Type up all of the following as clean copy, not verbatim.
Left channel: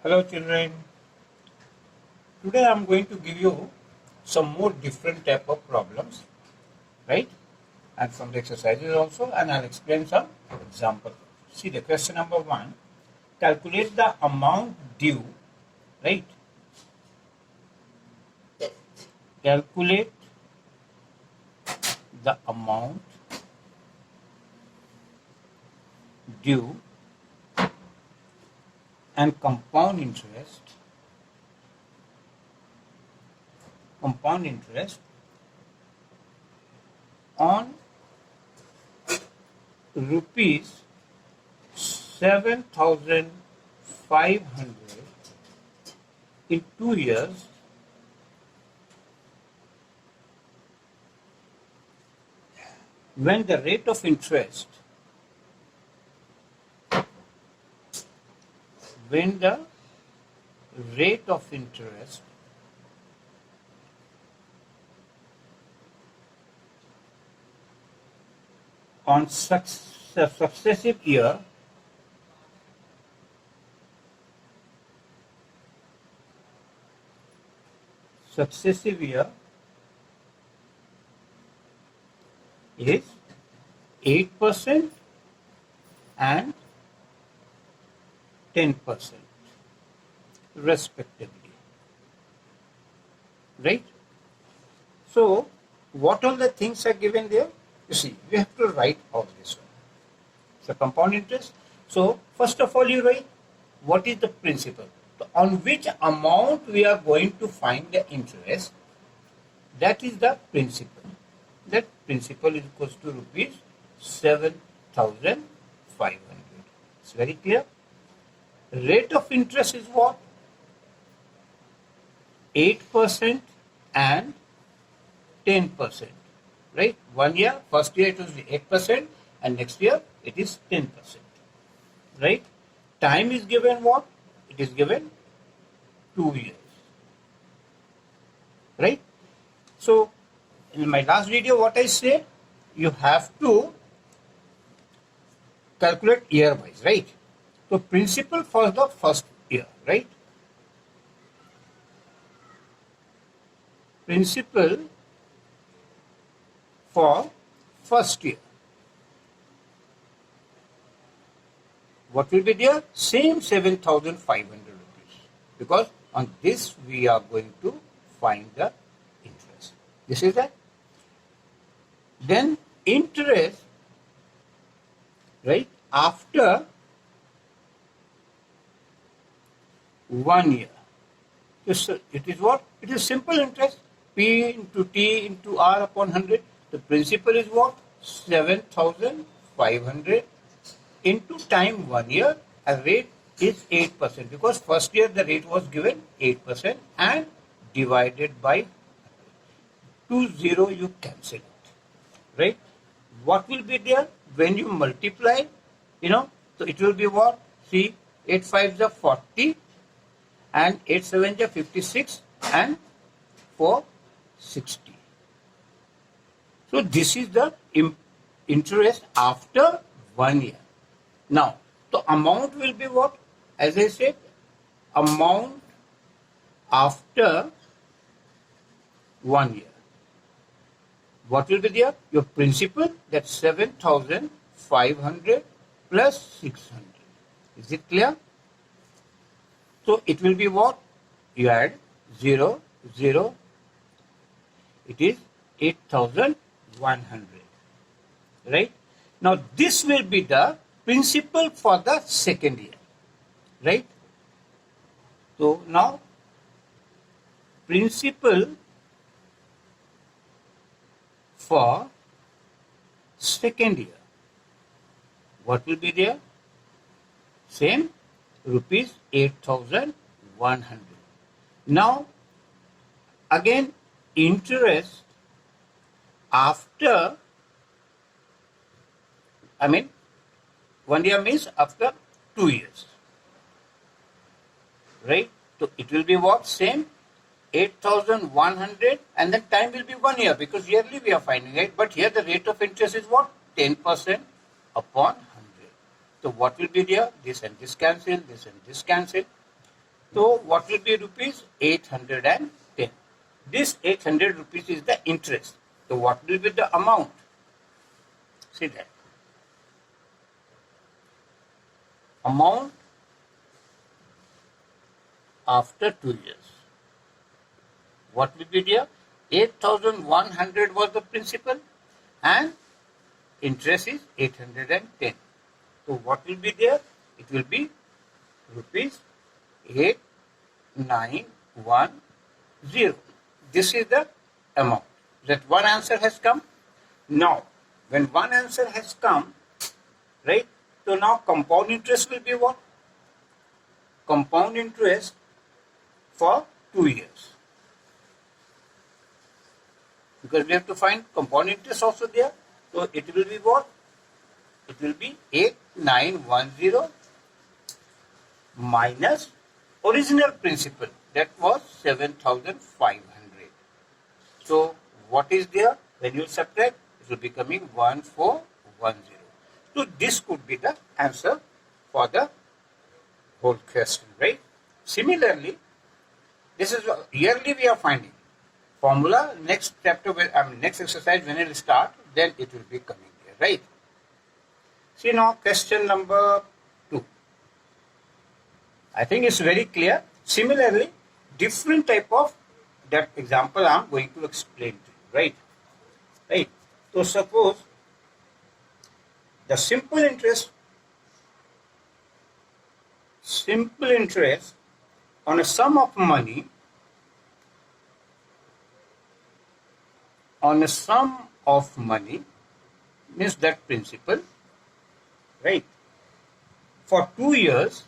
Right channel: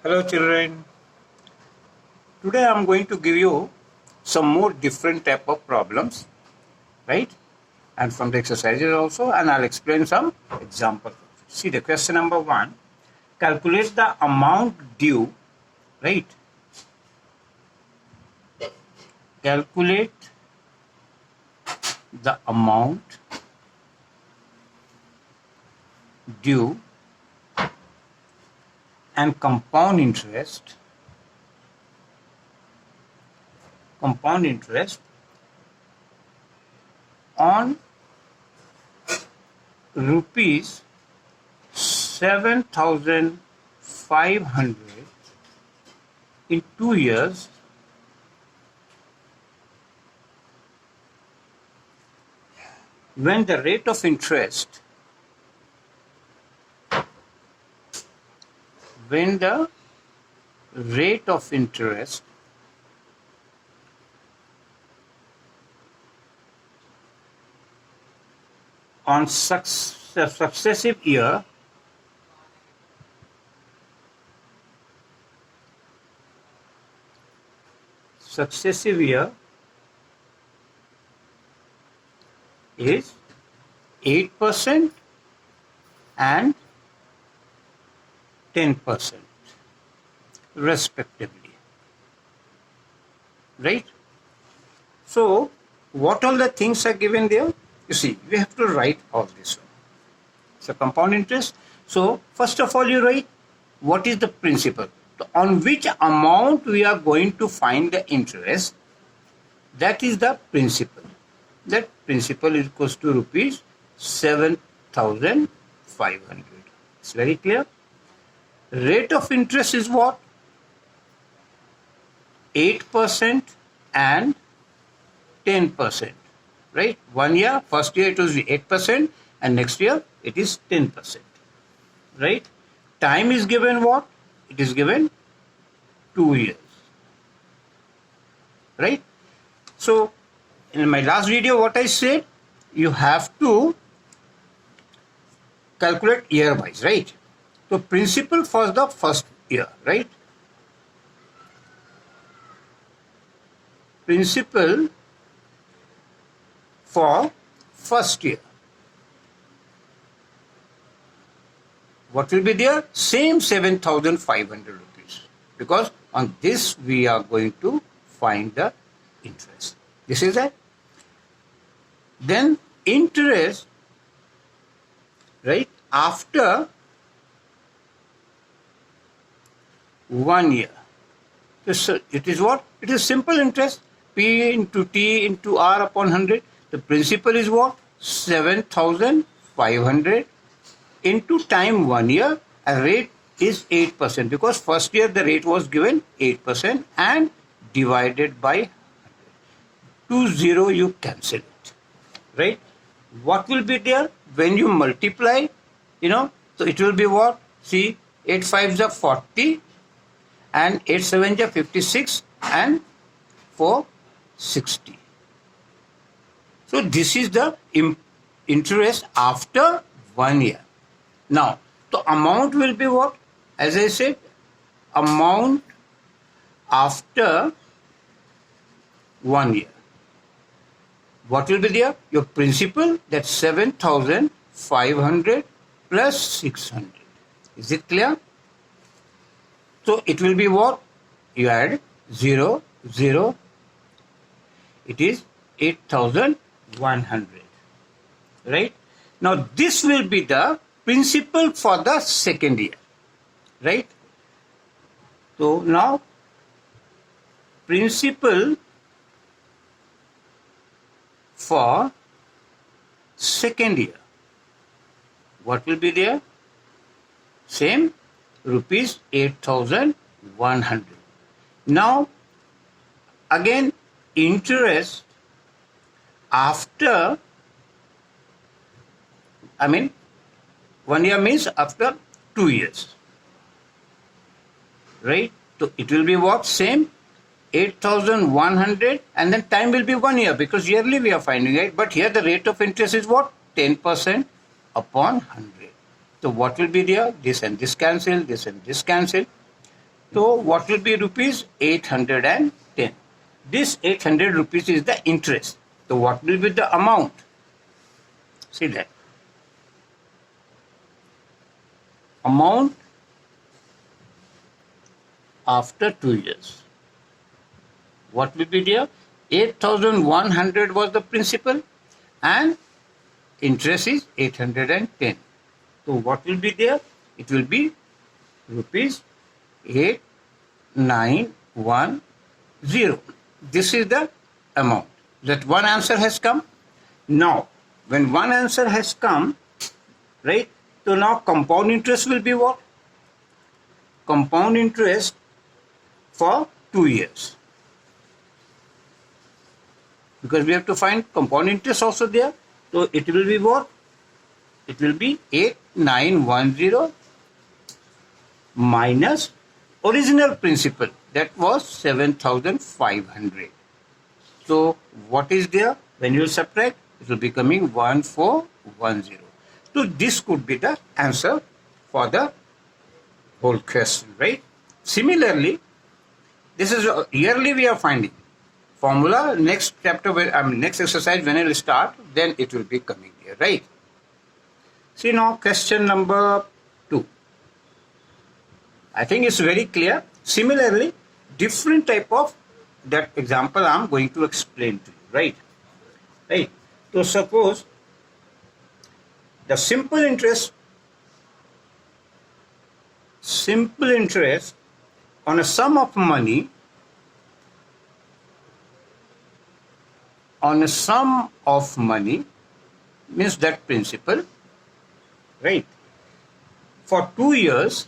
Hello children. Today I am going to give you some more different type of problems, right? And from the exercises also, and I'll explain some examples. See the question number 1. Calculate the amount due, right? Calculate the amount due and compound interest on rupees 7,500 in 2 years when the rate of interest on successive year is 8% and 10% respectively, right? So what all the things are given there? You see, we have to write all this one. So compound interest. So first of all, you write what is the principal. So on which amount we are going to find the interest. That is the principal. That principal is equals to rupees 7,500. It's very clear. Rate of interest is what? 8% and 10%. Right? 1 year, first year it was 8% and next year it is 10%. Right? Time is given what? It is given 2 years. Right? So, in my last video what I said, you have to calculate year wise, right? So, principal for the first year, right? Principal for first year. What will be there? Same 7,500 rupees. Because on this we are going to find the interest. This is it. Then interest, right, after 1 year. So it is what? It is simple interest. P into T into R upon 100. The principal is what? 7,500 into time 1 year. A rate is 8% because first year the rate was given 8% and divided by 20 you cancel it. Right? What will be there when you multiply? So it will be what? See, 8 5s are 40 and 8 7s are 56 and 4 60. So this is the interest after 1 year. Now, the amount will be what? As I said, amount after 1 year. What will be there? Your principal, that's 7,500 plus 600. Is it clear? So it will be what? You add 0, 0. It is 8,100. Right? Now this will be the principal for the second year. Right? So now principal for second year. What will be there? Same, rupees 8,100. Now, again, interest after, 1 year means after 2 years. Right? So it will be what? Same, 8,100 and then time will be 1 year because yearly we are finding it. But here the rate of interest is what? 10% upon 100. So what will be there? This and this cancel, this and this cancel. So what will be rupees 810? This 800 rupees is the interest. So what will be the amount? See that. Amount after 2 years. What will be there? 8,100 was the principal and interest is 810. So what will be there? It will be rupees 8910. This is the amount. That one answer has come. Now, when one answer has come, right? So now compound interest will be what? Compound interest for 2 years. Because we have to find compound interest also there. So it will be what? It will be 8910 minus original principal. That was 7,500. So what is there? When you subtract, it will be coming 1410. So this could be the answer for the whole question, right? Similarly, this is yearly we are finding. Formula, next chapter, next exercise when it will start, then it will be coming here, right? See now question number 2. I think it's very clear. Similarly, different type of that example I'm going to explain to you, right? Right. So suppose the simple interest on a sum of money means that principal, right? For 2 years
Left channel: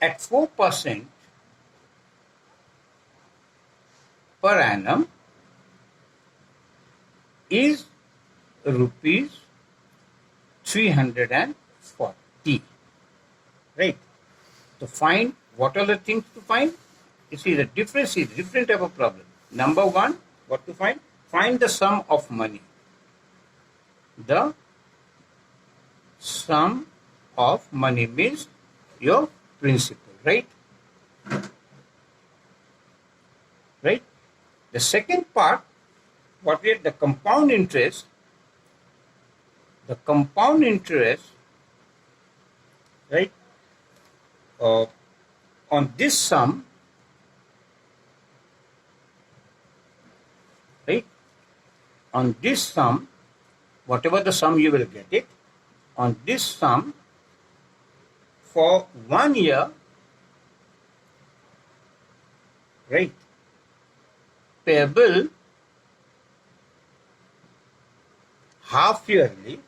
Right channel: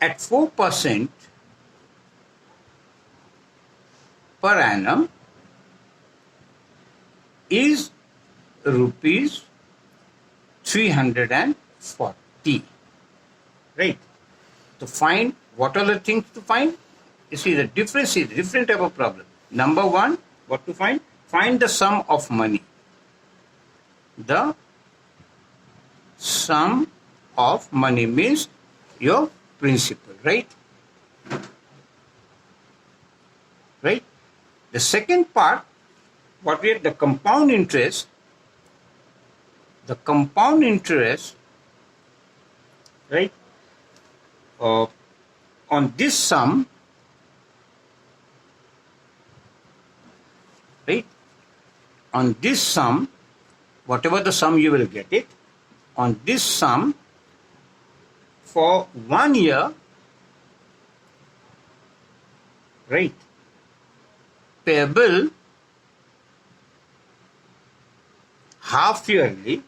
at 4% per annum is rupees 340, right? To find, what are the things to find? You see the difference is different type of problem. Number one, what to find? Find the sum of money. The sum of money means your principal, right? Right? The second part, what we have, the compound interest. The compound interest, right, on this sum, right, on this sum, whatever the sum you will get it, on this sum for 1 year, right, payable half yearly,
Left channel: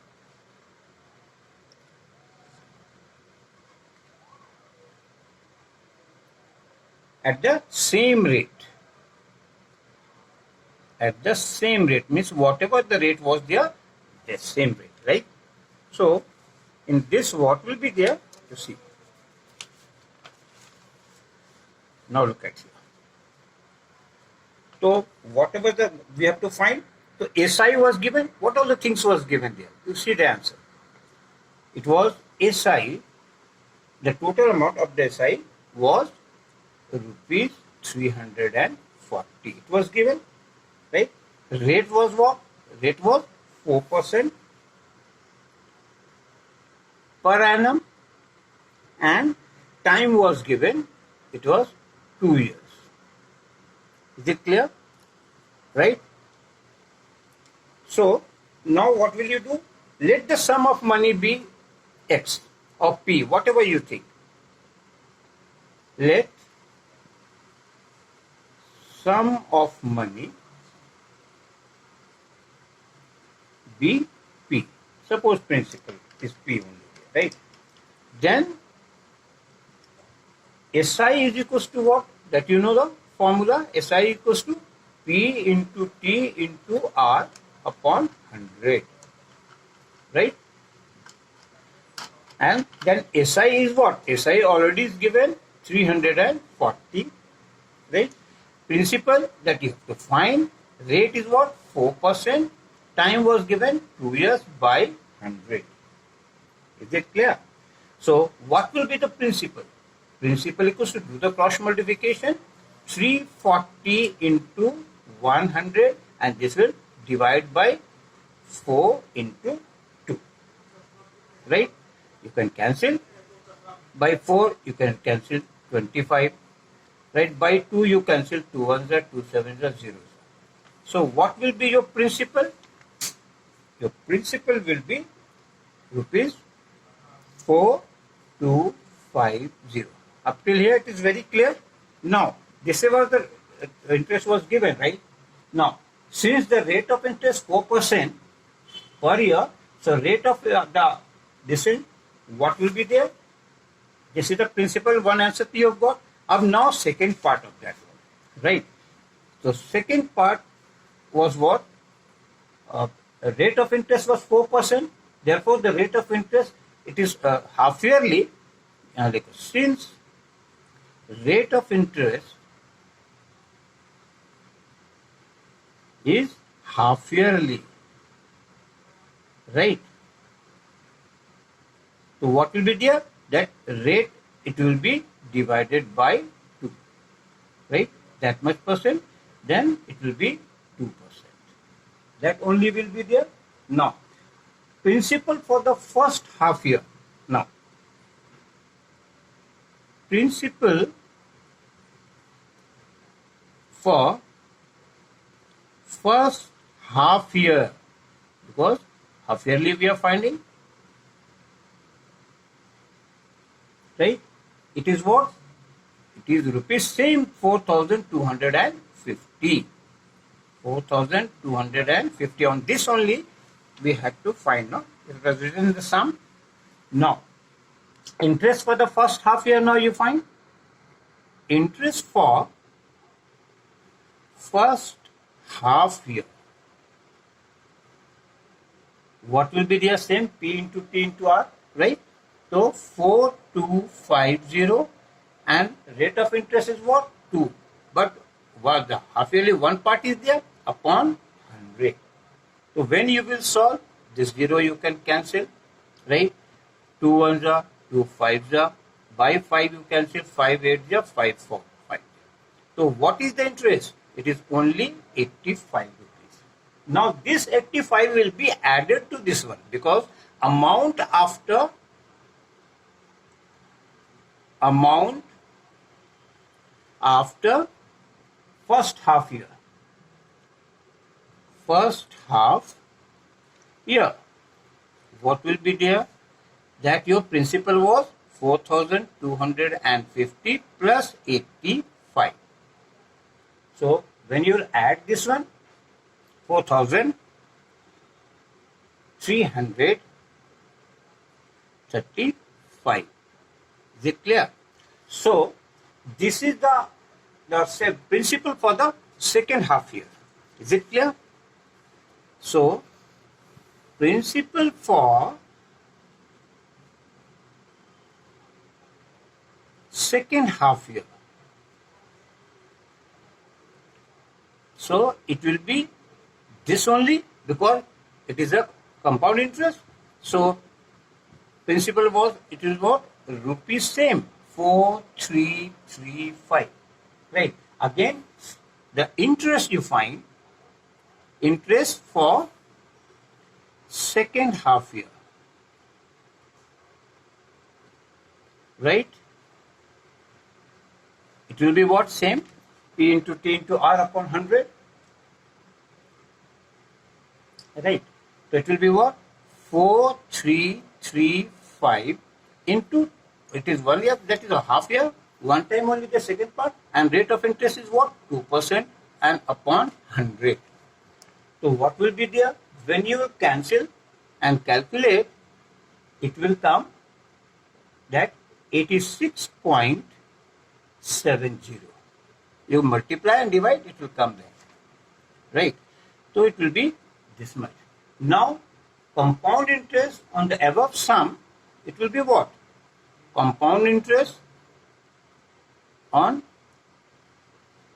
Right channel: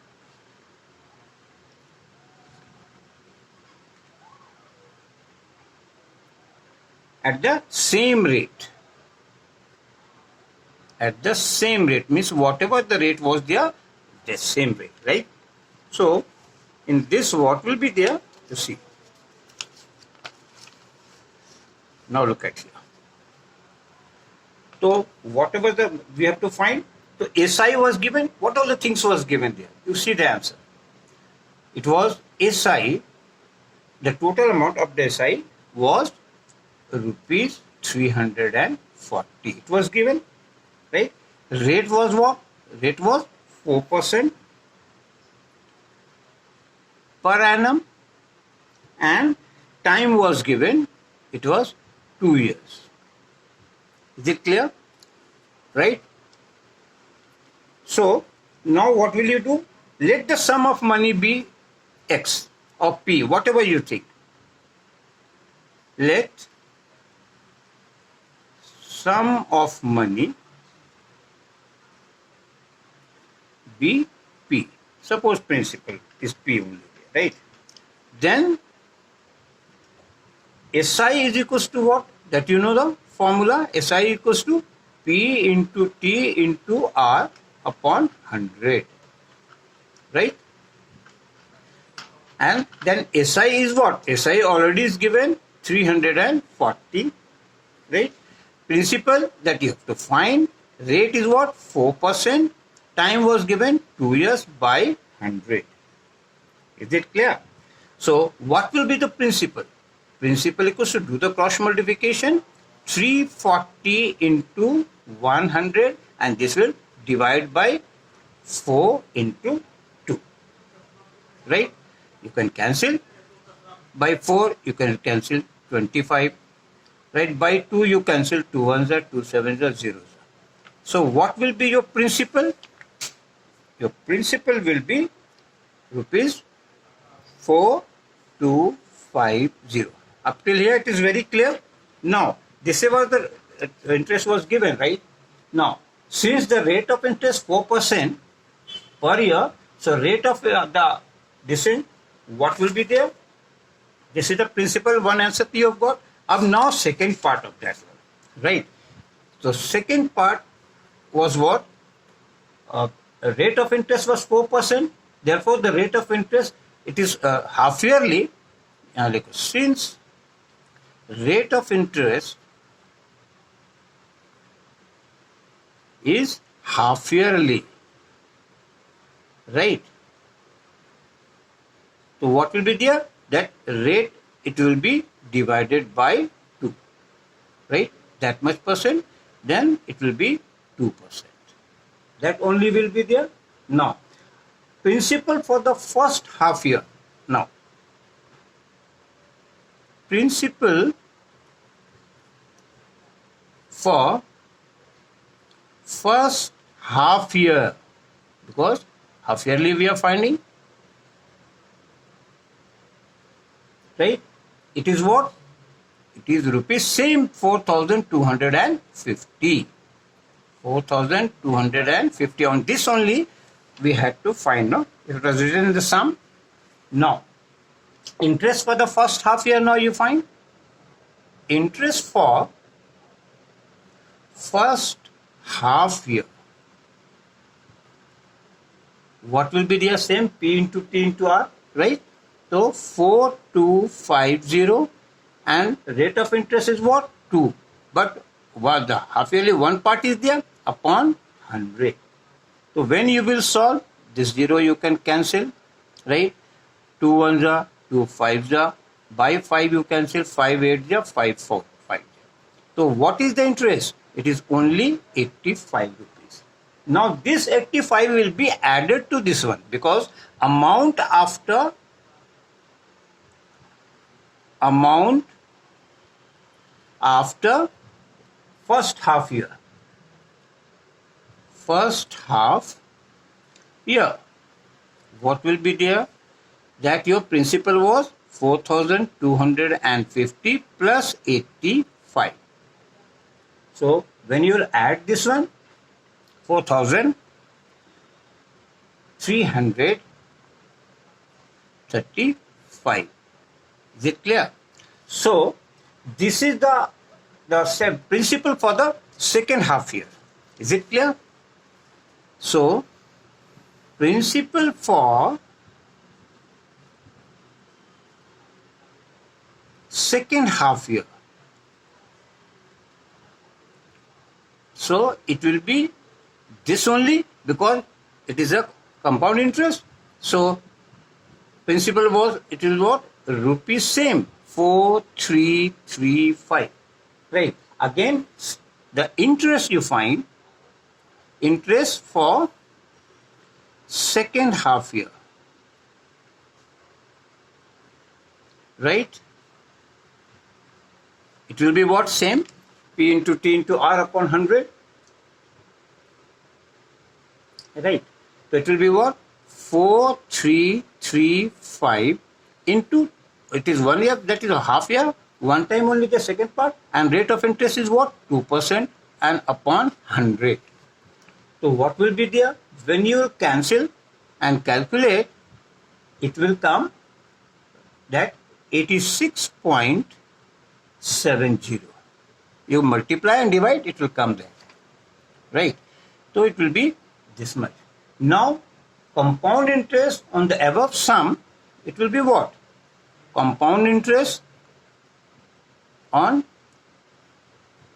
at the same rate. At the same rate means whatever the rate was there, the same rate, right? So in this, what will be there? To see. Now look at here. So whatever we have to find. So SI was given. What all the things was given there? You see the answer. It was SI. The total amount of the SI was rupees 340. It was given, right? Rate was what? Rate was 4% per annum, and time was given. It was 2 years. Is it clear? Right? So now what will you do? Let the sum of money be X or P, whatever you think. Let sum of money be P. Suppose principal is P only, right? Then SI is equals to what? That you know the formula. SI equals to P into T into R upon 100, right? And then SI is what? SI already is given 340, right? Principal that you have to find. Rate is what? 4%. Time was given 2 years by 100. Is it clear? So what will be the principal? Principal equals to do the cross multiplication 340 into 100 and this will divide by 4 into 2. Right? You can cancel. By 4 you can cancel 25. Right? By 2 you cancel 2 ones are 2 sevens are 0. So what will be your principal? Your principal will be rupees 4250. Up till here it is very clear. Now this is what the interest was given, right? Now since the rate of interest 4% per year, so rate of the descent, what will be there? This is the principal one answer you have got. Now second part of that one, right? So second part was what? Rate of interest was 4%. Therefore, the rate of interest, it is half yearly. Like since rate of interest is half yearly, right? So what will be there? That rate, it will be divided by 2, right? That much percent, then it will be 2%. That only will be there. Now, principal for the first half year. Now, principal for first half year, because half yearly we are finding, right? It is what? It is rupees same 4,250. 4,250. On this only we had to find. No, it was written in the sum. Now, interest for the first half year. Now you find interest for first half year. What will be the same? P into T into R, right? So 4250 and rate of interest is what? 2. But what the half yearly one part is there upon 100. So when you will solve this 0 you can cancel, right? 2 ones are 2 fives are, by 5 you cancel, 5 eights are 5 4 5. So what is the interest? It is only 85 rupees. Now this 85 will be added to this one because amount after first half year. First half year. What will be there? That your principal was 4,250 plus 85. So when you will add this one, 4,335. Is it clear? So this is the principal for the second half year. Is it clear? So principal for second half year. So it will be this only because it is a compound interest. So principal was, it will what? Rupees same 4335. Right. Again, the interest you find, interest for second half year. Right. It will be what? Same. P into T into R upon 100. Right. So it will be what? 4335 into, it is 1 year, that is a half year, one time only the second part, and rate of interest is what? 2% and upon 100. So what will be there? When you cancel and calculate, it will come that 86.70. You multiply and divide, it will come there. Right. So it will be this much. Now, compound interest on the above sum, it will be what? Compound interest on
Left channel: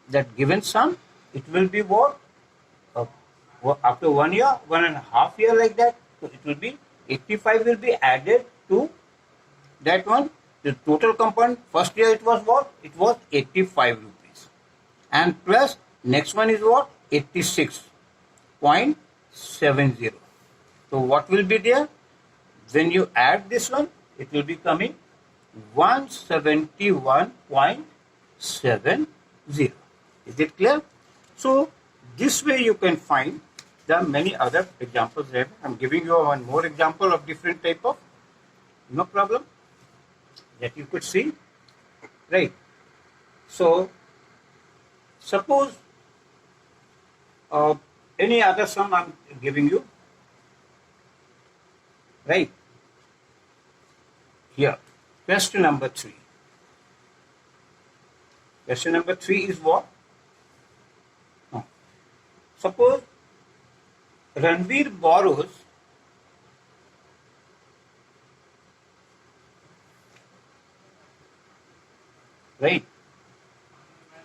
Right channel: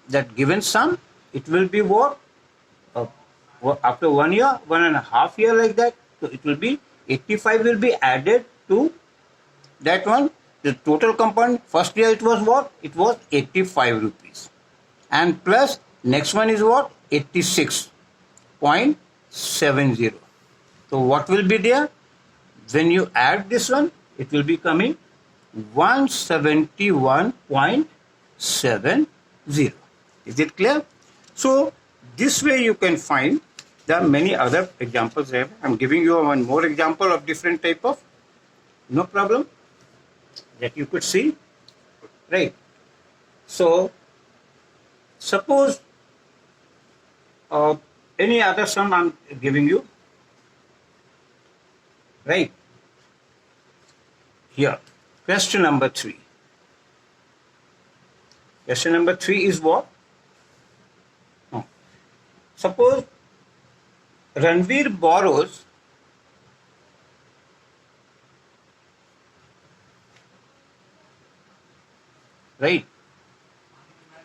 that given sum, it will be what? After 1 year, 1.5 years like that, so it will be 85 will be added to that one. The total compound first year it was what? It was 85 rupees. And plus next one is what? 86.70. So what will be there? When you add this one, it will be coming 171.70. Is it clear? So this way you can find. There are many other examples there. I'm giving you one more example of different type of, no problem, that you could see, right? So suppose any other sum I'm giving you, right? Here, question number 3. Question number 3 is what? Suppose Ranveer borrows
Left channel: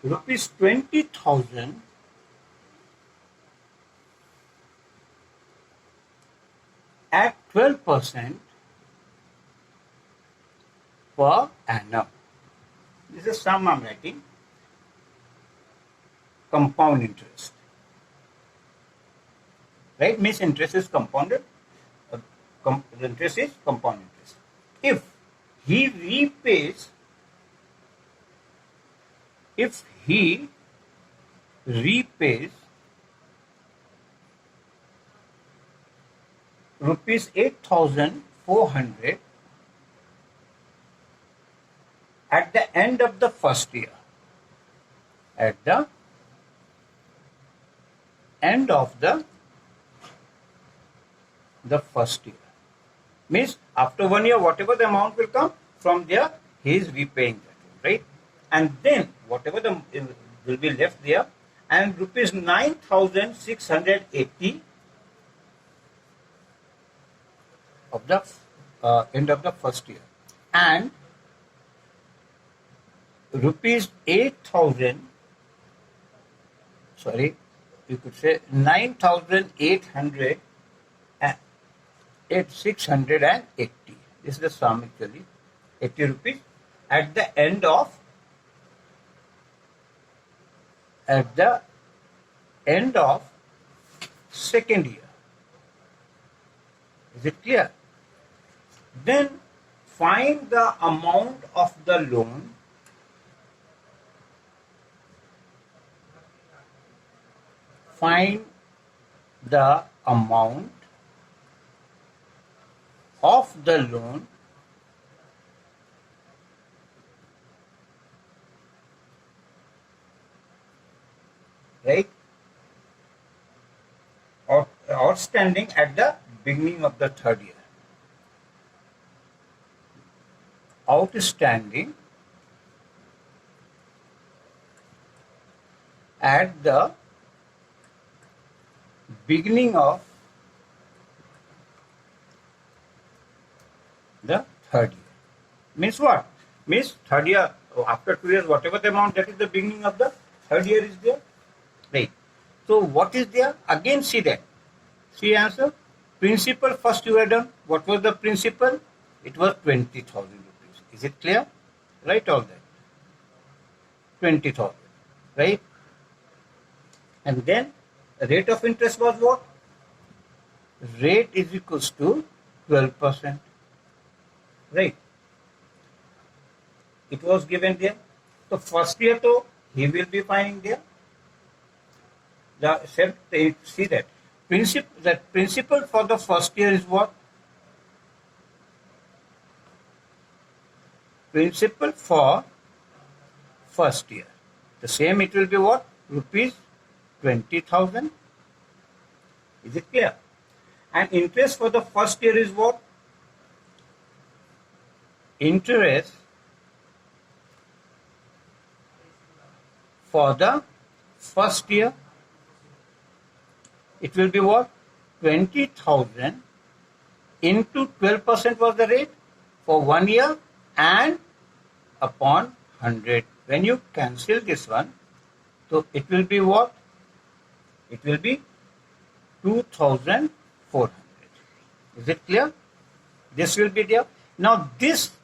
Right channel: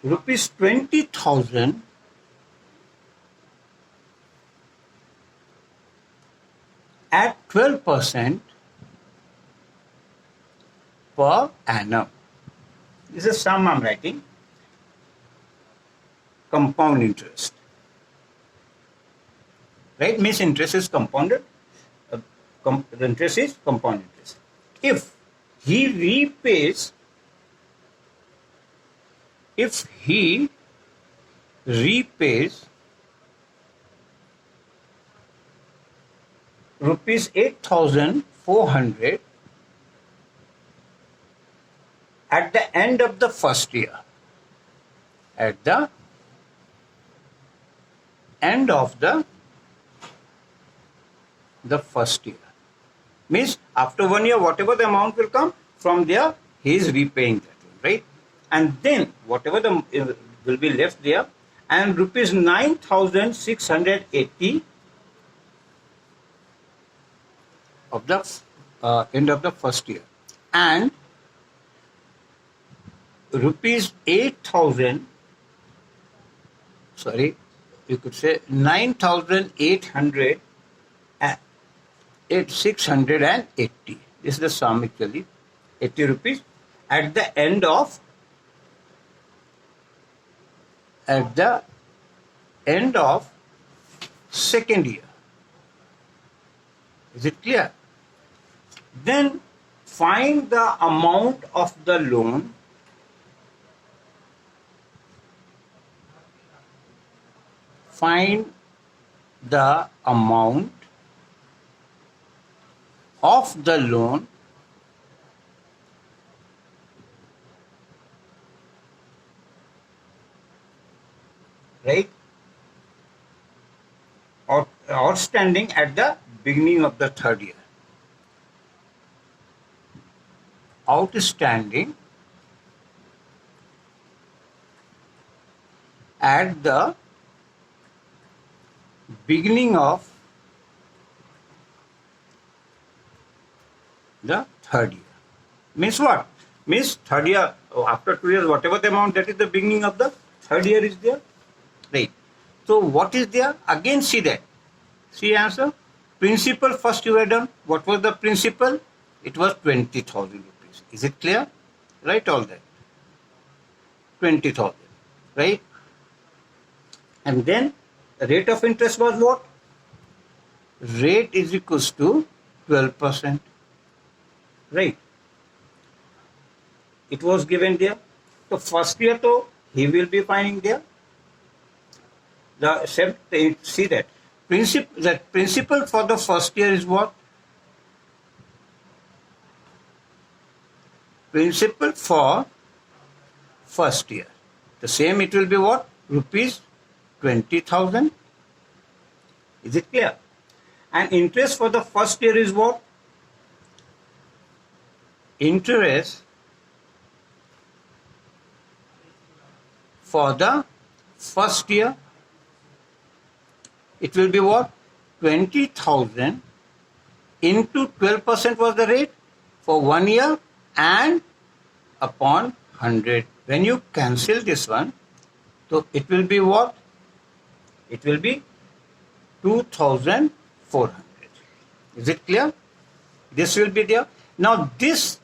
rupees 20,000 at 12% per annum. This is sum I'm writing. Compound interest. Right? Means interest is compounded. The interest is compound interest. If he repays rupees 8,400 at the end of the first year. At the end of the first year. Means after 1 year, whatever the amount will come, from there he is repaying that, right? And then whatever the will be left there, and rupees 9,680 of the end of the first year, and rupees 8,000, sorry, you could say 9,800 680. This is the sum actually, 80 rupees at the end of second year. Is it clear? Then find the amount of the loan find the amount of the loan right outstanding at the beginning of the third year. Outstanding at the beginning of the third year. Means what? Means third year, after 2 years, whatever the amount, that is the beginning of the third year is there. Right. So what is there? Again see that. See answer. Principal first you have done. What was the principal? It was 20,000 rupees. Is it clear? Write all that. 20,000. Right. And then rate of interest was what? Rate is equals to 12%. Right. It was given there. So first year though he will be finding there. The see that principal for the first year is what? Principal for first year. The same it will be what? Rupees 20,000. Is it clear? And interest for the first year is what? Interest for the first year, it will be what? 20,000 into 12% was the rate for 1 year and upon 100. When you cancel this one, so it will be what? It will be 2,400. Is it clear? This will be there. Now this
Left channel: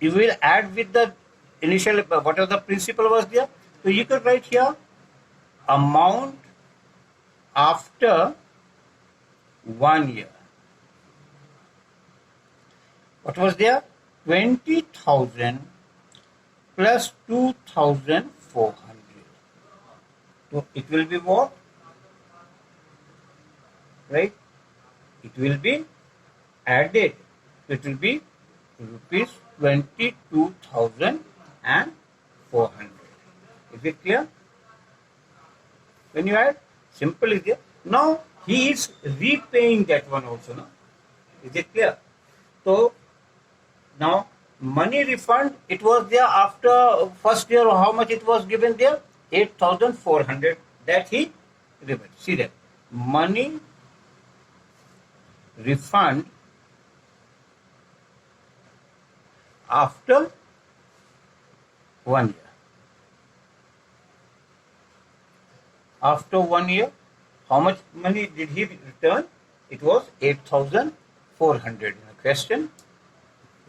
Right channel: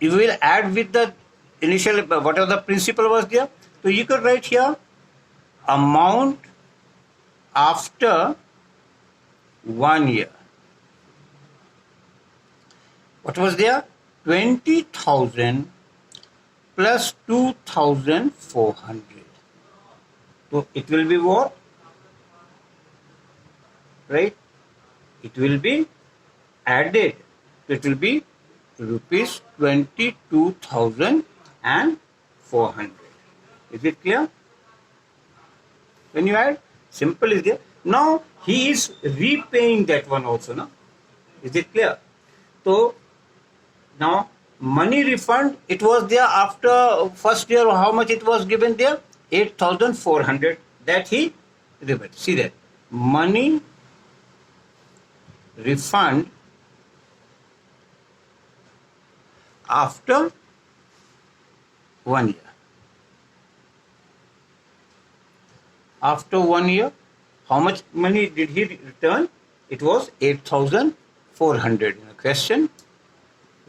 you will add with the initial, whatever the principal was there. So you could write here amount after 1 year. What was there? 20,000 plus 2,400. So it will be what? Right? It will be added. It will be rupees 22,400. Is it clear? When you add, simple is there. Now he is repaying that one also now. Is it clear? So now money refund, it was there after first year. How much it was given there? 8,400. That he repaid. See that money refund after 1 year. After 1 year, how much money did he return? It was 8,400. Question,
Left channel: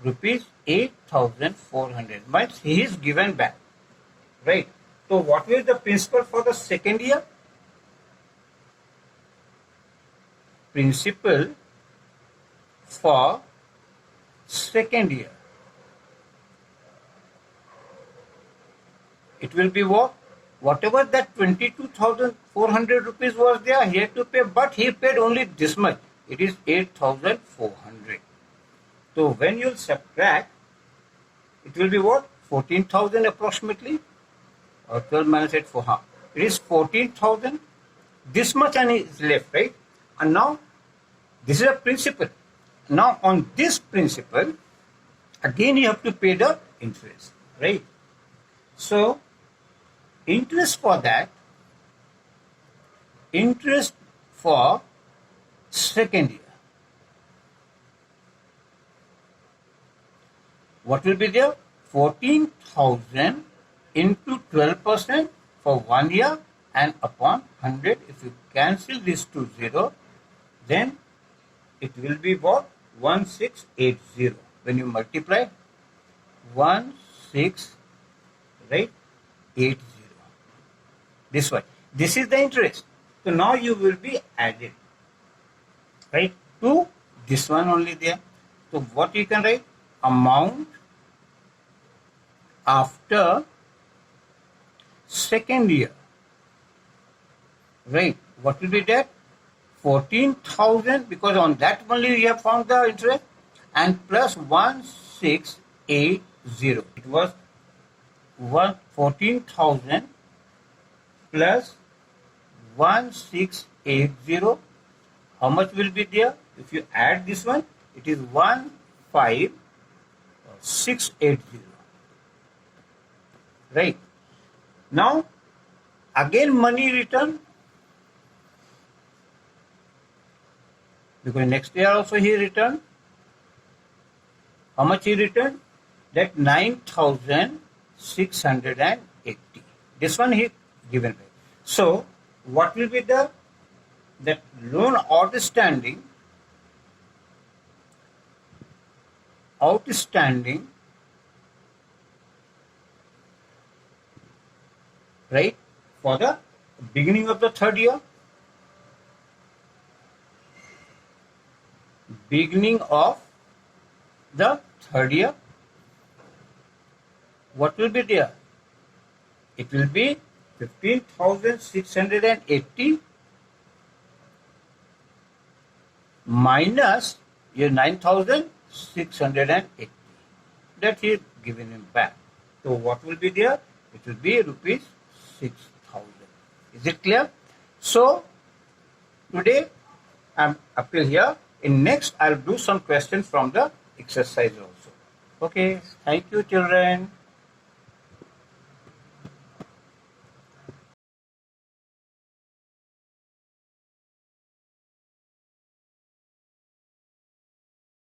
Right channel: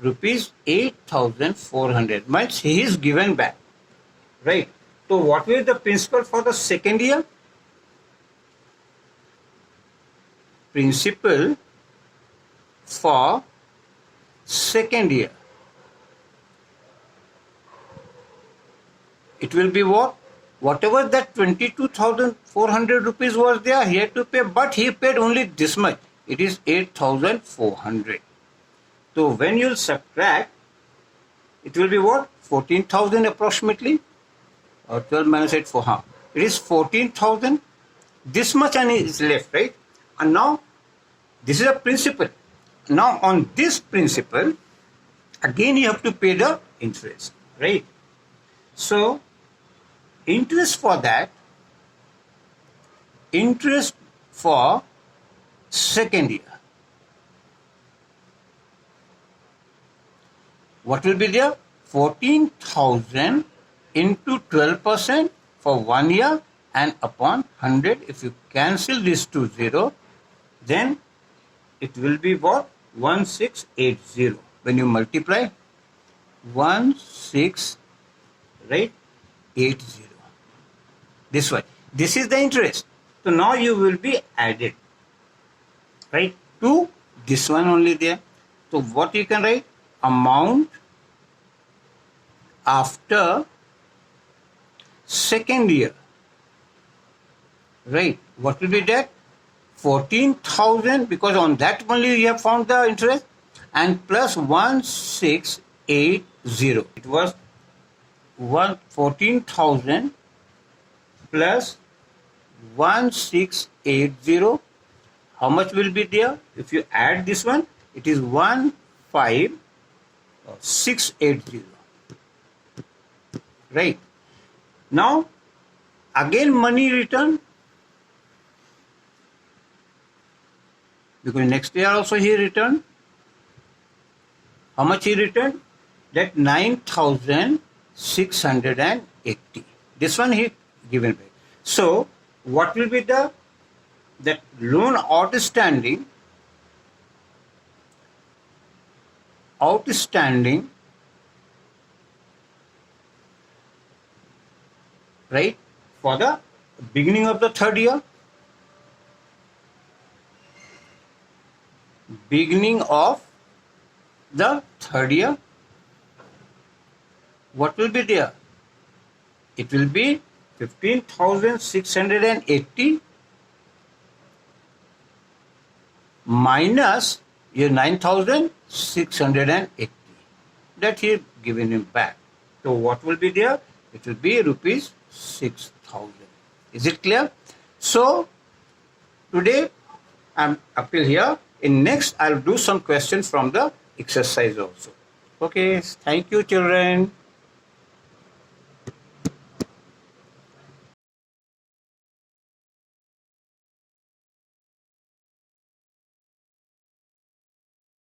rupees 8,400 means he is given back, right? So what was the principal for the second year? Principal for second year, it will be what? Whatever that 22,400 rupees was there, he had to pay, but he paid only this much. It is 8,400. So when you subtract, it will be what? 14,000 approximately, or 12 minus 8 for half. It is 14,000. This much and is left, right? And now this is a principal. Now on this principal, again you have to pay the interest, right? So interest for that, interest for second year, what will be there? 14,000 into 12% for 1 year and upon 100. If you cancel this to 0, then it will be what? 1680. When you multiply 16, right? 80. This way. This is the interest. So now you will be added, right, to this one only there. So what you can write? Amount after second year, right? What will be that? 14,000, because on that only you have found the interest, and plus 1680. It was 14,000 plus 1680. How much will be there? If you add this one, it is 15,680. Right? Now, again money return, because next year also he returned. How much he returned? That 9,680. This one he given back. So what will be the that loan outstanding right, for the beginning of the third year? Beginning of the third year, what will be there? It will be 15,680 minus your 9,680. That he is given him back. So what will be there? It will be rupees 6,000. Is it clear? So today I'm up till here. In next I'll do some questions from the exercise also. Okay, thank you children.